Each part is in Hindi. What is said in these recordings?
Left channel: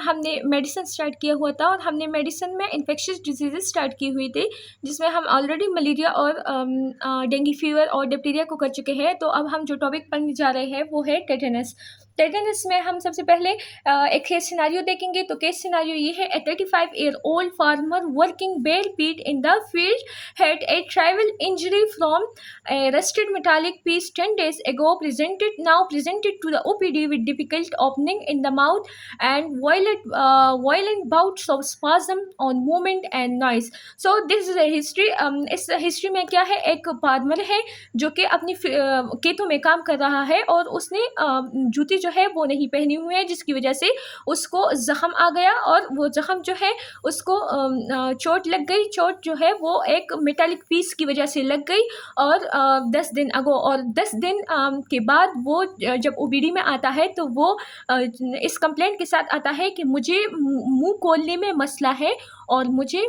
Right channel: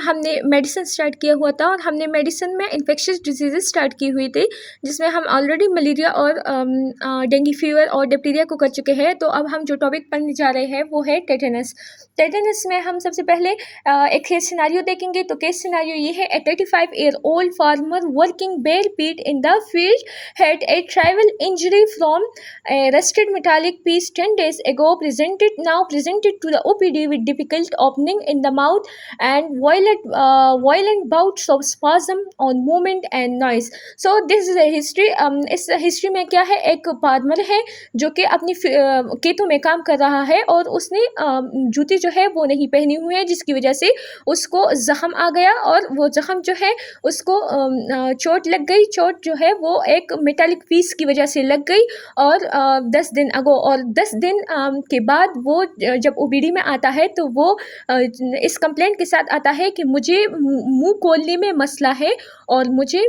हमने मेडिसिन स्टार्ट किया हुआ था और हमने मेडिसिन में इन्फेक्शियस डिजीज़ेस स्टार्ट की हुई थी, जिसमें हम ऑलरेडी मलेरिया और डेंगू फीवर और डिप्टीरिया को कर चुके हैं। तो अब हम जो टॉपिक पढ़ने जा रहे हैं वो है टेटनस। टेटनस में हम सबसे पहले एक केस सिनारियो देखेंगे। तो केस सिनारियो ये है, ए 35-year-old farmer working bare feet in the field had a tribal injury from a rusted metallic piece 10 days ago, presented to the OPD with difficult opening in the mouth and violent bouts of spasm on movement and noise. So this is a history. इस हिस्ट्री में क्या है, एक फार्मर है जो कि अपनी खेतों में काम कर रहा है और उसने जूती जो है वो नहीं पहनी हुई है, जिसकी वजह से उसको ज़ख्म आ गया और वो ज़ख्म जो है उसको चोट लग गई। चोट जो है वो एक मेटालिक पीस की वजह से लग गई और 10 दिन अगो और 10 दिन के बाद वो जब ओबीडी में आता है तो वो इस कंप्लेंट के साथ आता है कि मुझे मुंह खोलने में मसला है और मुझे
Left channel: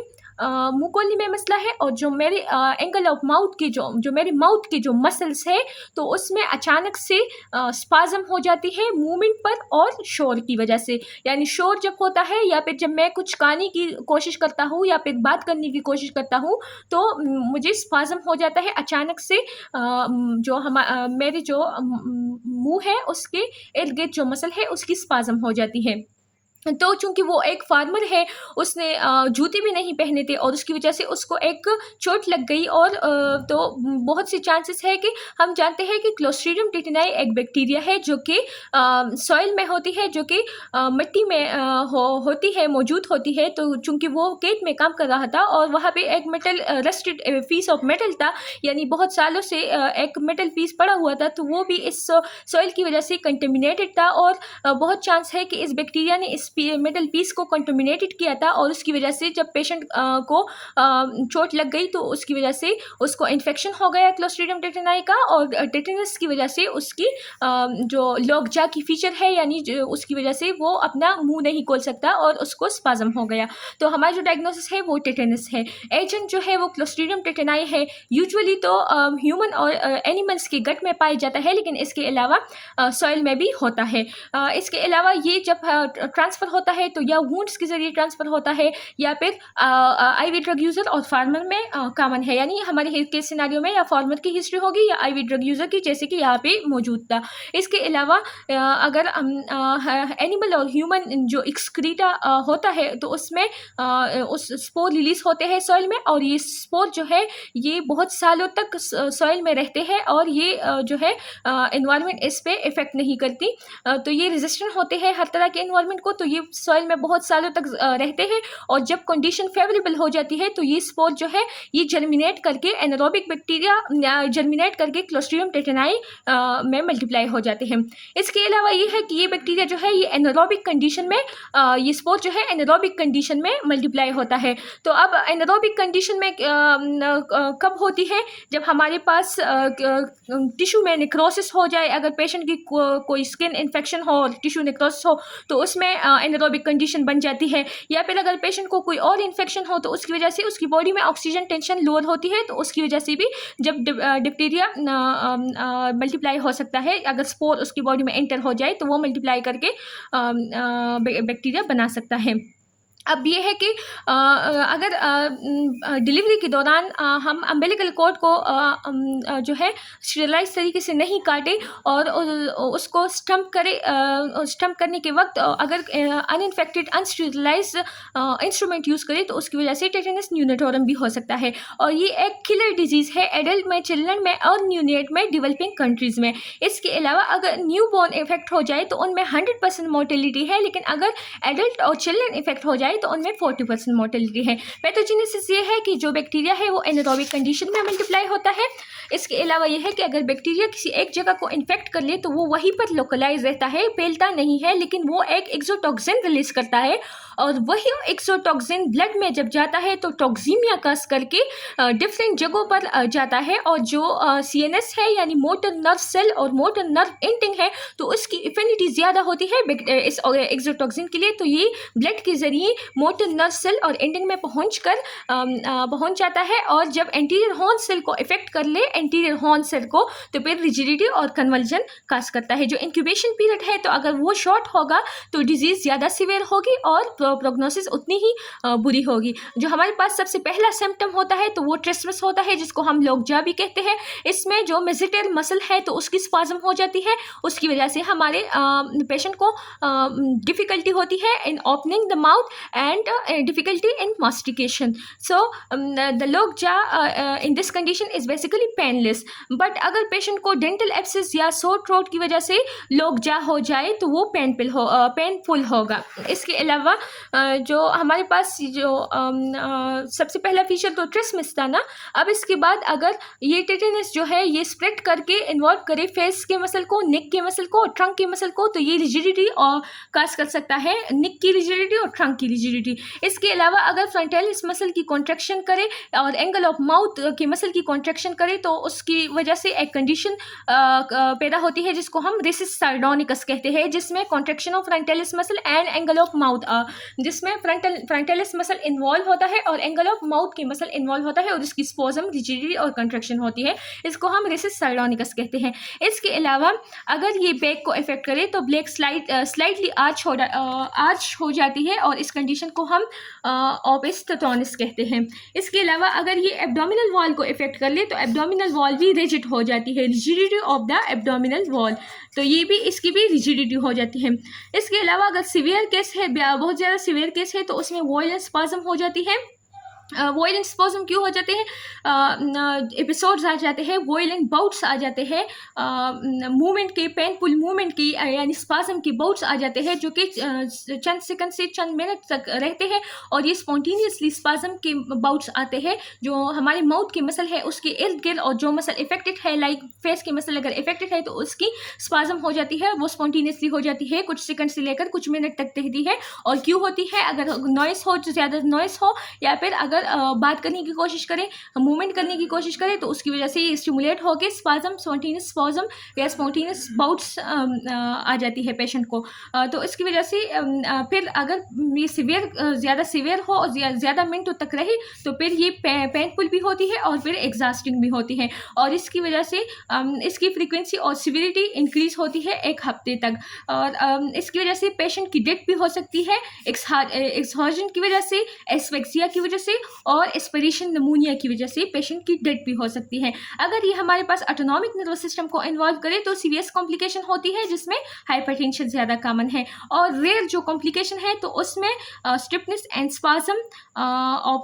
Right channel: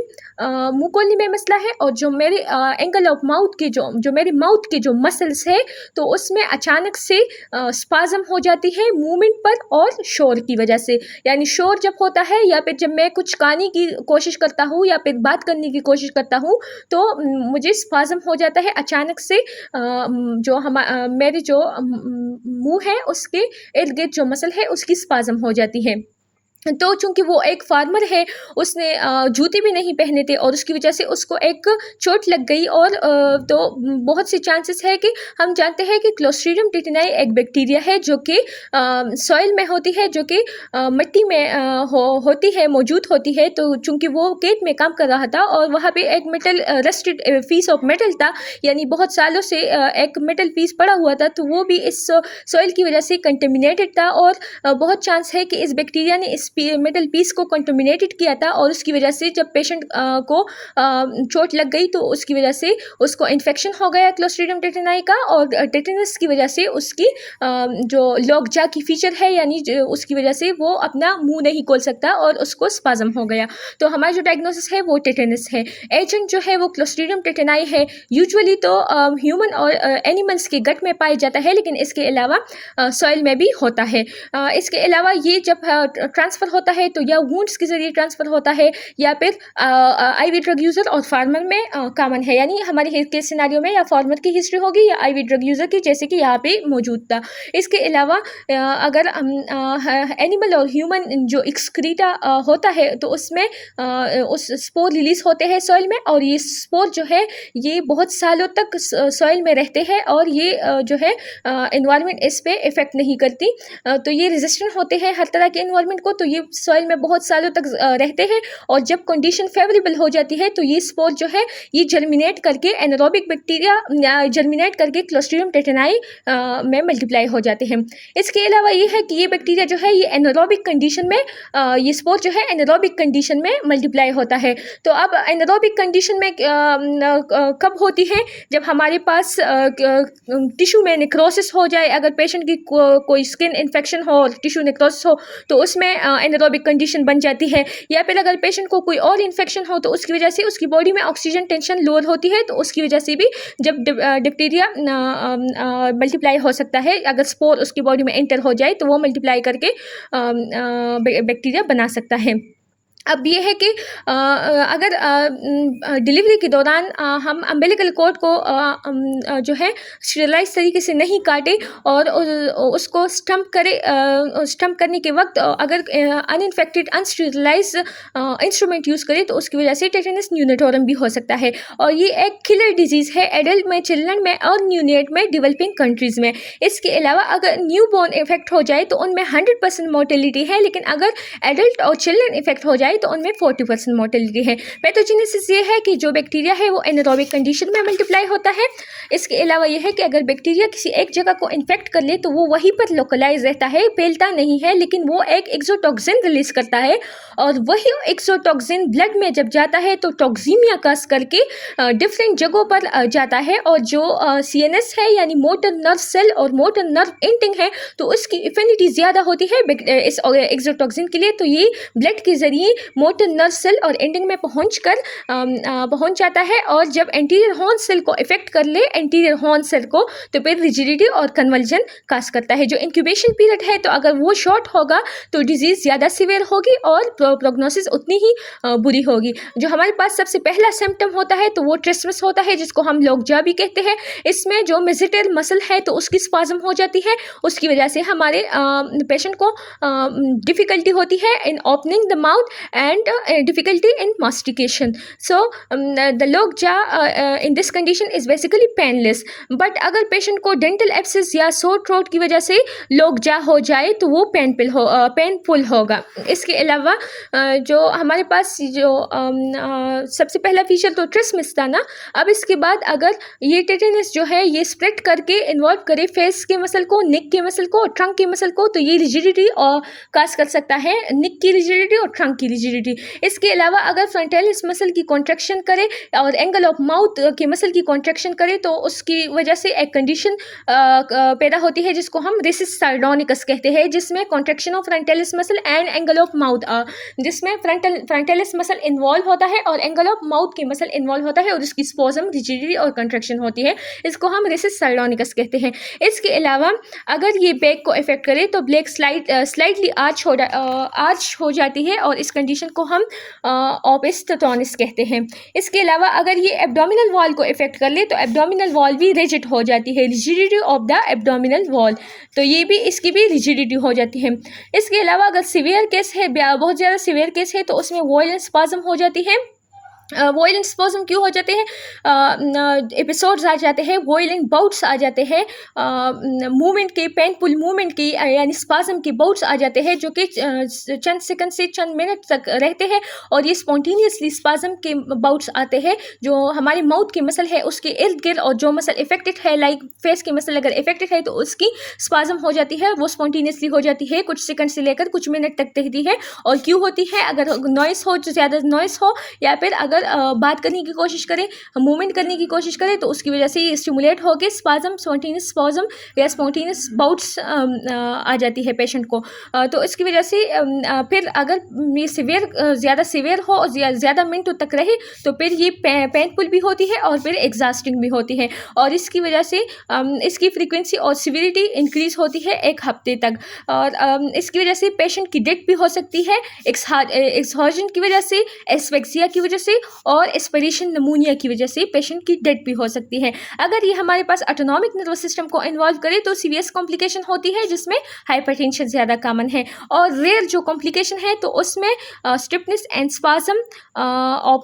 मुंह खोलने में मसला है और जो मेरे एंगल ऑफ माउथ की जो मेरी माउथ की जो मसल्स है तो उसमें अचानक से स्पाज़म हो जाती है मूवमेंट पर और शोर की वजह से। यानी शोर जब होता है या फिर जब मैं कुछ गाने की कोशिश करता हूँ या फिर बात करने की कोशिश करता हूँ तो मुझे स्पाज़म हो जाता है अचानक से। जो मेरी जो मुंह है उसके इर्द गिर्द जो मसल है उसकी स्पाज़म हो जाती है। तो चूँकि वो एक फार्मर है, उसने जूते भी नहीं पहने थे और उसकी वजह से उसको एक चोट लग गई और तो बहुत से चांसेस है कि हम जानते हैं कि क्लोस्ट्रीडियम टेटनाई एक बैक्टीरिया है जो कि सॉइल में होती है, जो कि मिट्टी में होती है, मौजूद होती है। तो चूँकि वो खेत में काम कर रहा था और वहाँ पे एक metal rusted piece of metal था, यानी बहुत सालों से एक मेटल पीस पड़ा हुआ था, तो वो भी इस सॉइल की वजह से कंटेमिनेटेड था और बहुत चांस है कि इस बैक्टीरिया ने इस मेटल पीस को कंटेमिनेटेड किया था और उसकी वजह से जब पेशेंट को चोट लग गई तो उसकी वजह से उसको इन्फेक्शन हो गया क्लोस्ट्रीडियम टेटनाई का और टेटनस की वजह से उसकी जो लॉकजा की फीचर है, यानी उसकी वजह से वो अपना मुंह नहीं खोल सकता और उसको स्पाज़म हो गया। तो हमारा जो डायग्नोसिस है वो टेटनस है। एजेंट जो है वो क्लोस्ट्रीडियम टेटनाई है। यूजुअली तो ह्यूमन और एनिमल्स के गट में पाया जाता है, लेकिन इसके अलावा सॉइल में भी होता है। इसके अलावा ये जब ट्रांसफ़र होता है तो या वुंड्स के ज़रिए ट्रांसफ़र होता है या फिर आईवी ड्रग यूज़र और फार्मर में कॉमन है। यानी हमारे केस सिनारियो में या फार्मर की हिस्ट्री होगी या आईवी ड्रग यूज़र की, जैसे कि यहाँ पे मौजूद था। इसके अलावा अगर एनिमल और ह्यूमन जो एक्सक्रीटा होता है तो उसमें उस स्पोर रिलीज़ होते हैं सॉइल में और ये स्पोर जो है ये बहुत सालों तक सॉइल में रहते हैं और ये जो है एनवायरनमेंट इस पे इफ़ेक्ट नहीं करती। तो ये रेजिस्टेंट होते हैं हर तरह के एनवायरनमेंट को, तो ये सॉइल में बहुत सालों तक रहते हैं और जब कंडीशन फेवरेबल हो जाती है तो ये स्पोर जो है ये जर्मिनेट करके एनारोबिक बैक्टीरिया जर्मिनेट करके क्लोस्ट्रीडियम टेटनाई में मल्टीप्लाई हो जाते हैं। इसके अलावा ये है कि ये बैक्टीरिया जो है ये एनारोबिक कंडीशन में ये स्पोर जो है एनारोबिक कंडीशन में मल्टीप्लाई होता है। तो अब एनारोबिक कंडीशन में कब होती है, जब हमारे पास टिश्यू में नेक्रोसिस हो जाए, अगर पेशेंट की कोई स्किन इन्फेक्शन हो और टिश्यू नेक्रोसिस हो तो उसमें एनारोबिक कंडीशन बन जाती है। या फिर अगर पेशेंट को कोई और इन्फेक्शन हो तो उसकी वजह से उसकी बॉडी में ऑक्सीजन टेंशन लोअर होती है, तो उसकी वजह से भी जब डिप्टीरिया मल्टीप्लाई हो सकता है। अगर स्पोर उसकी बॉडी में एंटर हो जाए तो वो मल्टीप्लाई करके बैक्टीरिया बना सकता है। अब ये है कि अगर डिलीवरी के दौरान हम अम्बिलिकल कॉर्ड को जो है स्टेरिलाइज तरीके से नहीं काटें और उसको स्टम्प करने के वक्त अगर अनइन्फेक्टेड अनस्टेरिलाइज इंस्ट्रूमेंट यूज़ करें तो उसकी वजह से टेटनस न्यूनेटोरम भी हो सकता है और ये एक किलर डिजीज़ है एडल्ट में, चिल्ड्रन में और न्यूनेट में डेवलपिंग कंट्रीज़ में। इसके अलावा अगर न्यू बॉर्न इफेक्ट हो जाए तो उनमें 100% मोर्टेलिटी है, लेकिन अगर एडल्ट और चिल्ड्रन इफेक्ट हो जाए तो उनमें 40% मोर्टेलिटी है। पैथोजेनेसिस ये है कि जो बैक्टीरिया है वो एनारोबिक कंडीशन में मल्टीप्लाई होता है। इसके अलावा ये है कि अगर बैक्टीरिया किसी एक जगह को इन्फेक्ट कर ले तो वो वहीं पर लोकलाइज रहता है, फैलता नहीं है, लेकिन वो एक एक्सोटॉक्सिन रिलीज करता है और वही एक्सोटॉक्सिन ब्लड में जब जाता है तो टॉक्सीमिया काज करके डिफरेंट जगहों पर जाता है और जो CNS है यानी मोटर नर्व सेल और मोटर नर्व एंडिंग है तो उसकी एफिनिटी ज़्यादा होती है इस एक्सोटॉक्सिन के लिए, तो ये ब्लड के ज़रिए मोटर नर्व सेल और एंडिंग में पहुंच जाता है, और जब एंटीरियर हॉर्न सेल को इफेक्ट कर ले एंटीरियर हॉर्न सेल को, तो फिर रिजिडिटी और कन्वर्जन काज करता है। जो इंक्यूबेशन पीरियड है, तो अगर वो शॉर्ट होगा तो डिजीज़ ज़्यादा सीवियर होगी और प्रोग्नोसिस उतनी ही बुरी होगी। जो हमारे पास सबसे पहला सिम्टम होता है तो वो ट्रिस्मस होता है, जिसको हम लोकजा भी कहते हैं। इसमें जो मेसेटर मसल है तो उसकी स्पाज्म हो जाती है, उसकी वजह से हमारे पेशेंट को डिफ़िकल्टी होती है in opening the mouth and difficulty in mastication. So the lockjaw in this condition is basically painless. But अगर पेशेंट को डेंटल एब्सेस या सोर थ्रोट की वजह से लोकजा हो जाए तो वो पेनफुल होगा। इसके अलावा जो हमारे पास जो सबसे पहला फीचर तो ट्रिस्मस था ना, अब इसके बाद अगर ये टेटेनस जो है ये स्प्रेड करके इन्वॉल्व करे फेस के मसल को, नेक के मसल को और ट्रंक के मसल को, तो ये रिजिडिटी और काज कर सकता है, नेक की रिजिडिटी और ट्रंक की रिजिडिटी। इसके अलावा अगर फ्रंटालिस मसल की कॉन्ट्रैक्शन करे और एंगल ऑफ माउथ के मसल की कॉन्ट्रैक्शन करे, तो उसकी वजह से एक कंडीशन पैदा होती है जिसको हम रेसिस सार्डोनिकस कहते हैं, जिसमें contraction of frontalis muscle and angle of mouth, जिसमें फ्रंटालिस मसल इन्वॉल्व होता है और एंगल ऑफ माउथ के मसल इन्वॉल्व होता है और इसकी स्पोजम, रिजिडिटी और कंट्रैक्शन होती है। इसको हम रेसिस सार्डोनिकस कहते हैं। इसके अलावा अगर ये बैक को इफेक्ट करे तो ब्लैक स्लाइटली आर्च हो जाती है और इस कंडीशन को हम ओपिस्टोटोनिस कहते हैं। इसके अलावा अगर ये एब्डोमिनल वॉल को इफेक्ट कर ले तो एब्डोमिनल वॉल भी रिजिड हो जाती है, rigidity of the abdominal wall, तो ये भी इसकी भी रिजिडिटी हो जाती है। इसके अलावा अगर सीवियर केस है, बहुत ज़्यादा सीवियर केस है, तो उसमें वॉइलेंट स्पाज्म हो जाती है। वॉइलेंट स्पाज्म क्यों हो जाते हैं? एपिसोड्स आ जाते हैं, वॉइलेंट बाउट्स आ जाते हैं, मूवमेंट के, पेनफुल मूवमेंट की यानी स्पाज्म के बाउट्स आ जाते हैं, जो कि चंद सेकंड से चंद मिनट तक रहते हैं, और ये स्पॉन्टेनियसली स्पाज्म के बाउट्स आते हैं जो हमारे माउथ के मसल है उसके इर्द गिर्द, और जो मसल इफेक्टेड है लाइक फेस के मसल अगर इफेक्टेड है तो उसकी स्पाज्म हो जाती है, वो स्पॉन्टेनियसली हो जाती है, कुछ सेकंड से लेकर कुछ मिनट तक रहती है। और क्यों होती है? अगर नॉइस हो, जो ज़्यादा नॉइस हो, या फिर अगर बात करने की कोशिश करें, मूवमेंट करने की कोशिश करें, तो उसकी वजह से ये स्टिमुलेट होकर स्पाज्म, स्पॉन्टेनियस स्पाज्म या स्पॉन्टेनियस बाउट्स आ जाती है पेशेंट को। तो इसकी वजह से फिर अगर ये ज़्यादा सीवियर हो और ज़्यादा मिनटों तक रहे तो फिर ये पेनफुल भी होती है और फिर एग्जॉस्टिंग भी होती है, और इसकी वजह से इसकी फ्रीक्वेंसी और सिविरिटी इंक्रीज होती है एक हफ्ते तक, और इसकी वजह से पेशेंट की डेथ भी हो सकती है, एक्सहॉर्जन की वजह से, एस्फेक्सिया की वजह से और एस्पिरेशन निमोनिया की वजह से पेशेंट की डेथ भी हो सकती है। अगर ये हमारे पास ऑटोनॉमिक नर्वस सिस्टम को इन्वॉल्व करे तो सीवियस कॉम्प्लिकेशन होती है, जिसमें हाइपरटेंशन ज़्यादा कॉमन है, और रेयर जो कॉम्प्लिकेशन है तो उसमें stiffness and spasm of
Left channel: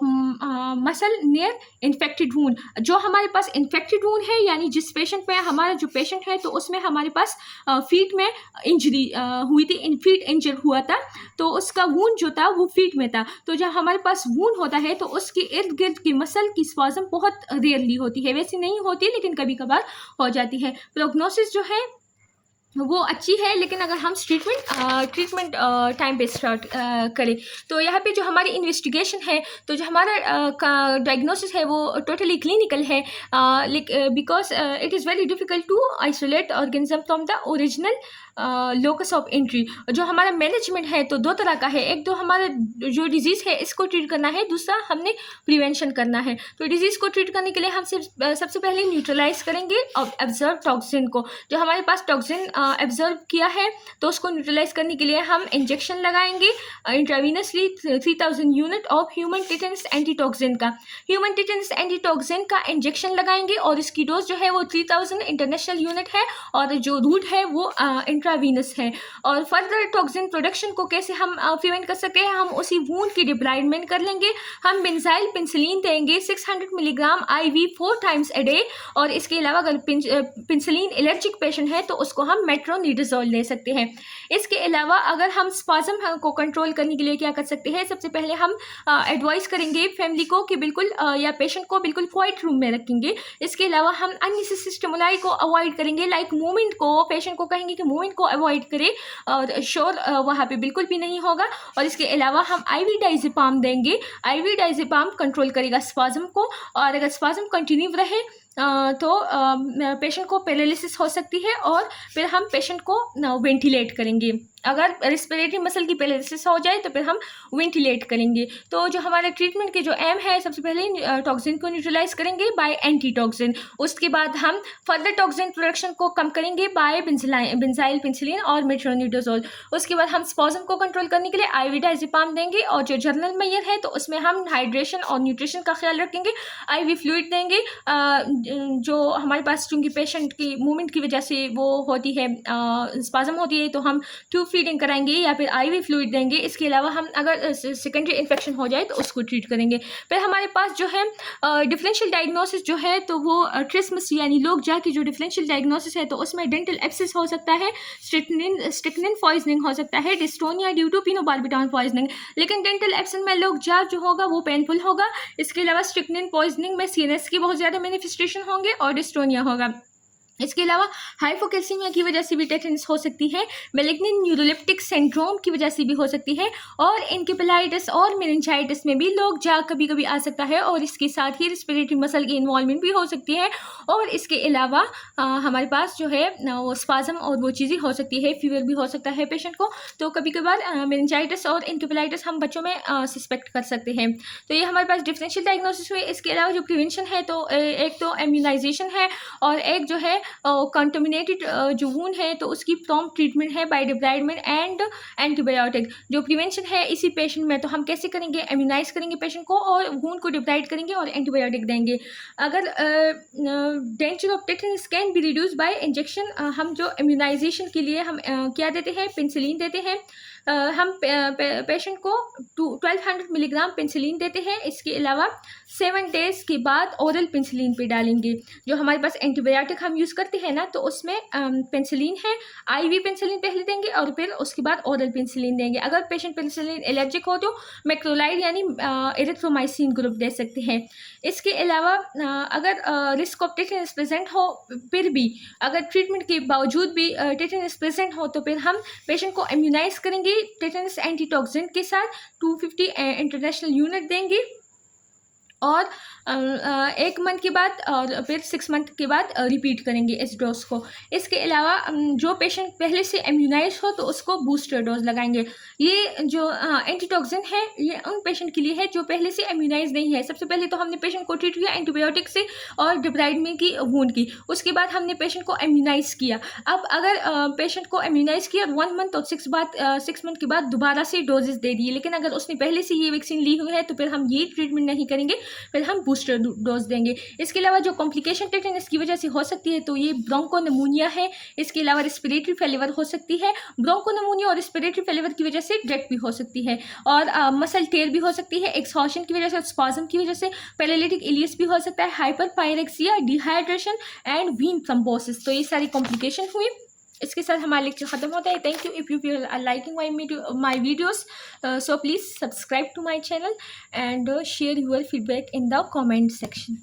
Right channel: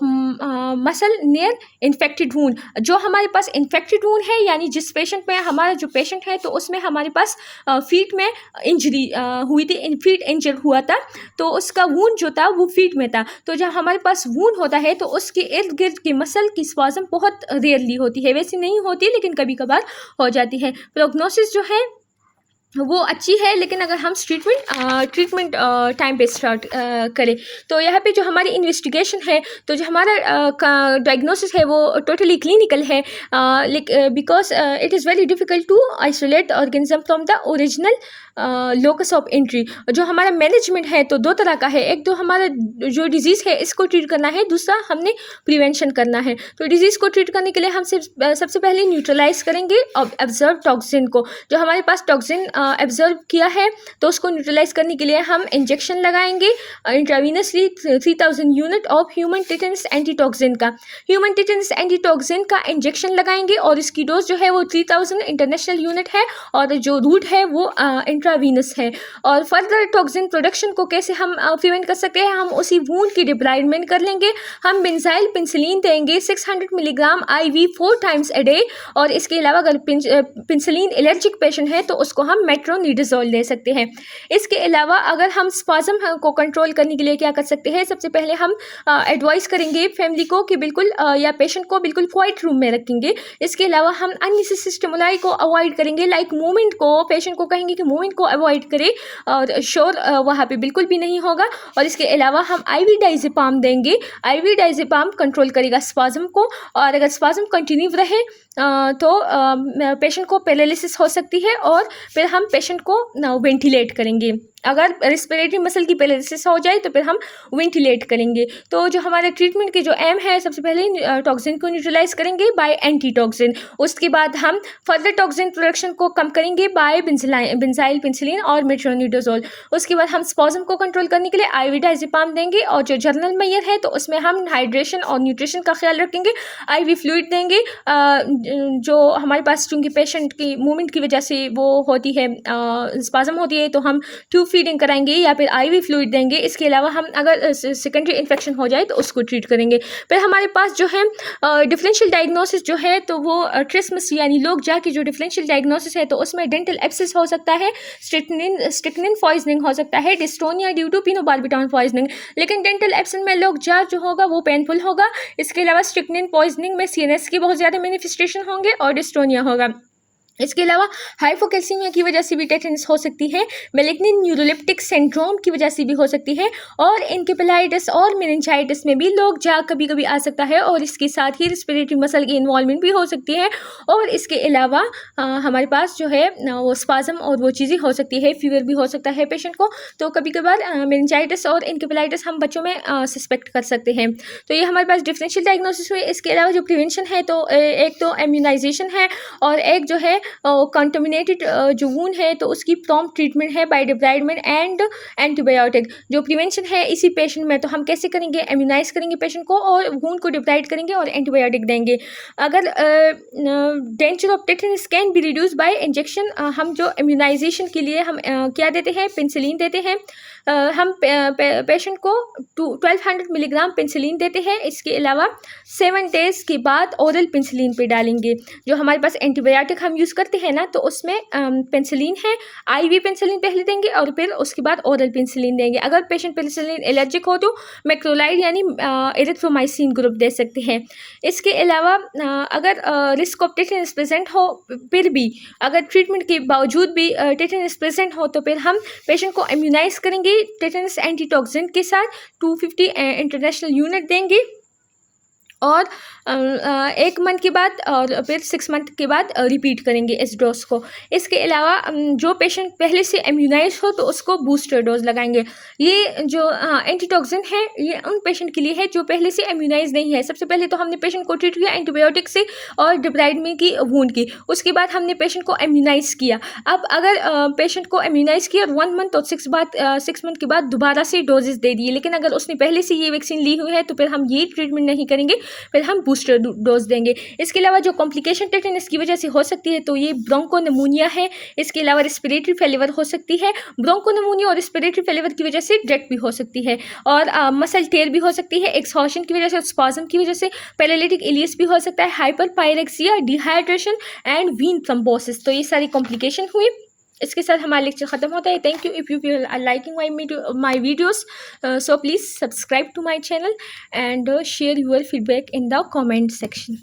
muscle near infected wound. जो हमारे पास इन्फेक्टेड वूंड है, यानी जिस पेशेंट में हमारा जो पेशेंट है तो उसमें हमारे पास फीट में इंजरी हुई थी, फीट इंजर हुआ था, तो उसका वूंड जो था वो फीट में था। तो जब हमारे पास वूंड होता है तो उसके इर्द गिर्द की मसल की स्पाज्म बहुत रेयरली होती है, वैसे नहीं होती लेकिन कभी कभार हो जाती है। प्रोग्नोसिस जो है वो अच्छी है, लेकिन अगर हम ट्रीटमेंट टाइम पे स्टार्ट करें तो यहाँ पे जो हमारी इन्वेस्टिगेशन है, तो जो हमारा डायग्नोसिस है वो टोटली क्लिनिकल है, because it is very difficult to isolate organism from the original locus of entry. जो हमारा मैनेजमेंट है तो दो तरह का है, एक तो हमारा जो डिजीज़ है इसको ट्रीट करना है, दूसरा हमने प्रिवेंशन करना है। तो डिजीज़ को ट्रीट करने के लिए हम सबसे पहले न्यूट्रलाइज करेंगे ऑब्जर्व टॉक्सिन को। जो हमारे पास टॉक्सिन ऑब्जर्व किया है तो उसको न्यूट्रलाइज करने के लिए हम इंजेक्शन लगाएंगे intravenously 3000 unit of human tetanus antitoxin का। ह्यूमन टिटेनस एंटीटॉक्सिन का इंजेक्शन लगाएंगे और इसकी डोज जो है वो 3000 इंटरनेशनल यूनिट है, और जो रूट है वो इंट्रावीनस है। और फर्दर टॉक्सिन प्रोडक्शन को कैसे हम प्रिवेंट कर सकते हैं? हम उसी वूंड की डिब्राइडमेंट कर लेंगे, हम बेंजाइल पेंसिलिन देंगे 600 milligram IV 4 times a day, और इसके अलावा अगर पेंसिलिन एलर्जिक पेशेंट है तो उसको हम मेट्रोनिडाजोल दे सकते हैं। इसके अलावा अगर हम स्पाज्म को कंट्रोल करने के लिए क्या कर सकते हैं? सबसे पहले हम एडवाइस करेंगे फैमिली को कि बिल्कुल या पेशेंट को बिल्कुल क्वाइट रूम में रखेंगे। इसके अलावा हम अननेसेसरी स्टिमुलाई को अवॉइड करेंगे, लाइक मूवमेंट को, पेशेंट को कहेंगे कि मूवमेंट को अवॉइड करें, और शोर वहाँ पे बिल्कुल भी नहीं होगा। और इसके अलावा हम IV डाइज़ेपाम देंगे, IV डाइज़ेपाम कंट्रोल करेगा स्पाज्म को, और अगर स्पाज्म कंटिन्यू रहे तो पेशेंट को पैरालिसिस हो सकती है और फिर हम पेशेंट को वेंटिलेट करेंगे। अगर रेस्पिरेटरी मसल की पैरालिसिस हो जाए तो फिर हम वेंटिलेट करेंगे। तो जो हमारे ट्रीटमेंट की जो एम है, सबसे पहले टॉक्सिन को न्यूट्रलाइज करेंगे बाय एंटी टॉक्सिन। उसके बाद हम फर्दर टॉक्सिन प्रोडक्शन को कम करेंगे बाय बेंजाइल पेनिसिलिन और मेट्रोनिडाजोल। उसके बाद हम स्पॉज़म को कंट्रोल करने के लिए आईवी डायज़ेपाम देंगे, और जो जर्नल मेयर है तो उसमें हम हाइड्रेशन और न्यूट्रिशन का ख्याल रखेंगे। आईवी फ्लूइड देंगे, जो हमारे पास चूँकि पेशेंट की मूवमेंट की वजह से वो होती है, स्पॉज़म होती है, तो हम ट्यूब फीडिंग कराएंगे या फिर आईवी फ्लूइड देंगे। इसके अलावा हम अगर सेकेंडरी इन्फेक्शन हो जाए तो उसको ट्रीट करेंगे। फिर हमारे पास जो है डिफरेंशियल डायग्नोसिस जो है, तो वो ट्रिस्मस यानी लोग जाके जो डिफरेंशियल डायग्नोसिस है तो उसमें डेंटल एब्सिस हो सकता है, स्ट्रिक्निन पॉइजनिंग हो सकता है, डिस्टोनिया ड्यू टू पिनोबार्बिटॉन पॉइजनिंग। लेकिन डेंटल एब्सिस में लोग जा जो होगा वो पेनफुल होगा। इसके अलावा स्ट्रिक्निन पॉइजनिंग में सीएनएस के बहुत ज़्यादा मैनिफेस्टेशन होंगे और डिस्टोनिया होगा। इसके अलावा हाइपोकैल्सीमिया की वजह से भी टेटनस हो सकती है, मैलिग्नेंट न्यूरोलेप्टिक सिंड्रोम की वजह से भी हो सकती है, और एन्केफेलाइटिस और मेनिंजाइटिस में भी लोग जा कभी कभी आ सकता है, और इसके साथ ही रिस्पिरेटरी मसल की इन्वॉल्वमेंट भी हो सकती है। और इसके अलावा हमारे पास जो है वो स्पाज़म और वो चीज़ें हो सकती है, फीवर भी हो सकता है पेशेंट को। तो कभी कभार मेनिंजाइटिस और एन्केफेलाइटिस हम बच्चों में सस्पेक्ट कर सकते हैं। तो ये हमारे पास डिफरेंशियल डायग्नोसिस हुई। इसके अलावा जो प्रिवेंशन है, तो एक तो इम्यूनाइजेशन है, और एक जो है कंटामिनेटेड जो वूंड है तो उसकी प्रॉम्प्ट ट्रीटमेंट है बाय डिब्राइडमेंट एंड एंटीबायोटिक। जो प्रिवेंशन है इसी पेशेंट में, तो हम कैसे करेंगे, इम्यूनाइज करेंगे पेशेंट को और वूंड को डिब्राइड करेंगे और एंटीबायोटिक देंगे। अगर danger of tetanus can be reduce by injection. हम जो इम्यूनाइजेशन के लिए हम क्या देते हैं, पेनिसिलिन देते हैं। हम पेशेंट को 1200 मिलीग्राम पेनिसिलिन देते हैं। इसके अलावा 7 डेज़ के बाद ओरल पेनिसिलिन पे डालेंगे। जो हमारे पास एंटीबायोटिक हम यूज़ करते हैं ना, तो उसमें पेनिसिलिन है, आईवी पेनिसिलिन पहले देंगे और फिर उसके बाद ओरल पेनिसिलिन देंगे। अगर पेशेंट पेनिसिलिन एलर्जिक हो तो मैक्रोलाइड यानी एरिथ्रोमाइसिन ग्रुप दे सकते हैं। इसके अलावा अगर रिस्क ऑफ टेटनस प्रेजेंट हो, फिर भी अगर ट्रीटमेंट के बावजूद भी टेटनस प्रेजेंट हो, तो फिर हम पेशेंट को इम्यूनाइज करेंगे टेटनस एंटीटॉक्सिन के साथ। 250 इंटरनेशनल यूनिट देंगे, और 1 मंथ के बाद और फिर 6 मंथ के बाद रिपीट करेंगे इस डोज को। इसके अलावा जो पेशेंट पहले से इम्यूनाइज हो तो उसको बूस्टर डोज लगाएंगे। ये जो एंटीटॉक्सिन है ये उन पेशेंट के लिए है जो पहले से इम्यूनाइज नहीं है। सबसे पहले तो हमने पेशेंट को ट्रीट किया एंटीबायोटिक से और डिब्राइडमेंट की वूंड की, उसके बाद हमने पेशेंट को इम्यूनाइज किया। अब अगर पेशेंट को इम्यूनाइज किया 1 मंथ और 6 मंथ के बाद दोबारा से डोजेस दे दिए, लेकिन अगर उसने पहले से ये वैक्सीन ली हुई है तो फिर हम ये ट्रीटमेंट नहीं करेंगे, फिर हम बूस्टर डोज देंगे। इसके अलावा जो कॉम्प्लिकेशन टेटनस की वजह से हो सकती है तो ये ब्रोंकोनिमोनिया है। इसके अलावा रेस्पिरेटरी फेलिवर हो सकती है। ब्रोंकोनिमोनिया और रेस्पिरेटरी फेलिवर की वजह से डेथ भी हो सकती है, और मसल टेयर भी हो सकती है, एक्सहॉर्शन की वजह से, स्पाज़म की वजह से, पैरालिटिक इलियस भी हो सकता है, hyperpyrexia, dehydration and vein thrombosis. तो ये सारी कॉम्प्लिकेशन हुई। इसके साथ हमारा लेक्चर ख़त्म होता है। Thank you. If you are liking my videos, so please subscribe to my channel and share your feedback in the comment section.